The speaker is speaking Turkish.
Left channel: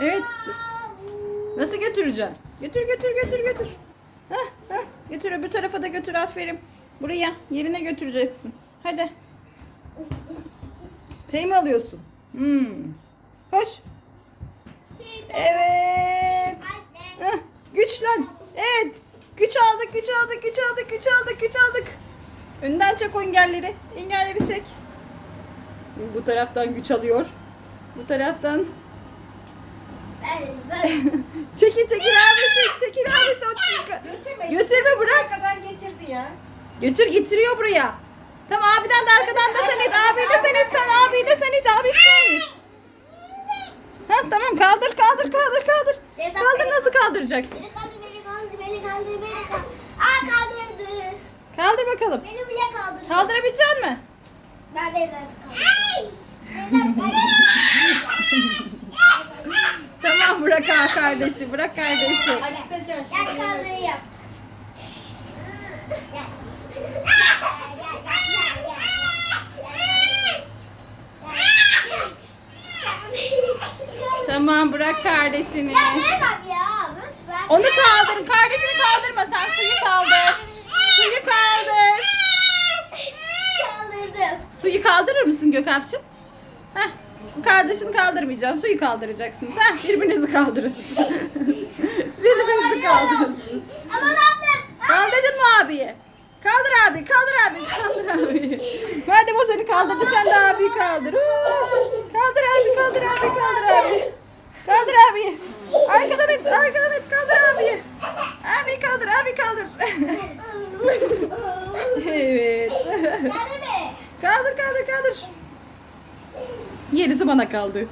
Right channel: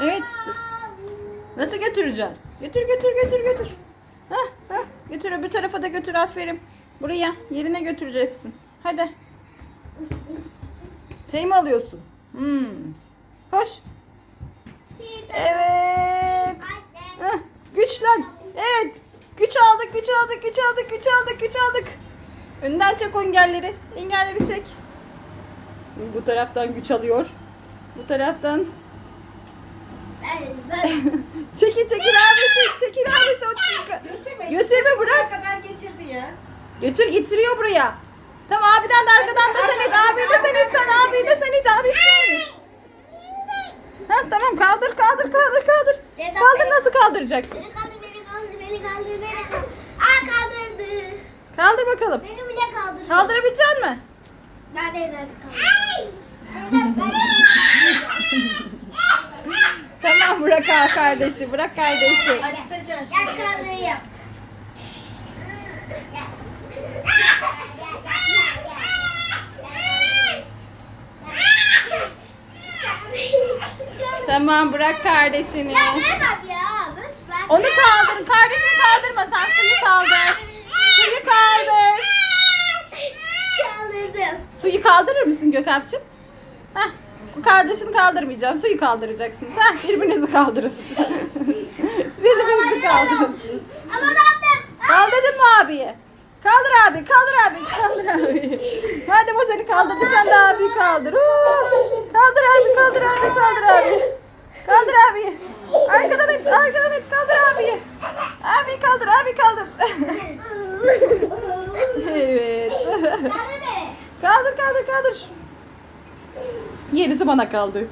Evet. Nasıl götüreceğim? Götür götür götür götür. Hah, hah. Götür öbür tarafa da götür aferin. Buraya yerine götüreceksin. Hadi. Şey mi alıyorsun? Hmm. Koş. Evet. Hah, Güçlen. Evet. Güç aldık, güç aldık, güç aldık, güç aldık, güç aldık. Önden çek o engelleri. Engelleri çek. Bu taraftan güç alıyor. Bu taraftan. Çekil çekil abisi. Çekil abisi. O çek- Götürme. Götürme bırak. kadar getirdi ya. Götür getiriyor buraya. Tamam abiden de arkadan da sen it. Abi de sen it. Sen abi de sen it. Abi sen it. Ha, tamam kaldır kaldır kaldır kaldır. Kaldır nasıl kaldıracaksın? Beni kaldır, beni kaldır, beni kaldır, beni kaldır. Aa kaldırdı. Kaldır bakalım. Beni bile kaldırdı. Kaldırabilecek misin? Ben de kaldırdım. Tamam bırak ha kardeşi. Bırak kardeşi. Tamam bırak kardeşini. Ya vermem ya. Lütfen. Onu kaldır. Kardeşini kaldırma. Sen suyu kaldır. Suyu kaldır. Kaldırdım. Suyu kaldırır mısın Gökalp'cığım? Heh. Kardeşini kaldırmayacaksın. Suyu kaldıracaksınız. Heh. Birbirinizi kaldırın. Birbirinizi kaldırın. Ama. Kaldırdın mı abiyi? Kaldır abi, kaldır abi, kaldır abi. Hadi bu seni kaldırdı, sen de abi kaldır. Huu! Kaldır abi, kaldır abi, kaldır abi. Kaldır abi. Arkadan et, arkadan et, kaldır abi. Abi kaldır, abi kaldır. evet. Kaldır, kaldır, kaldır. Yenisi bana kaldı.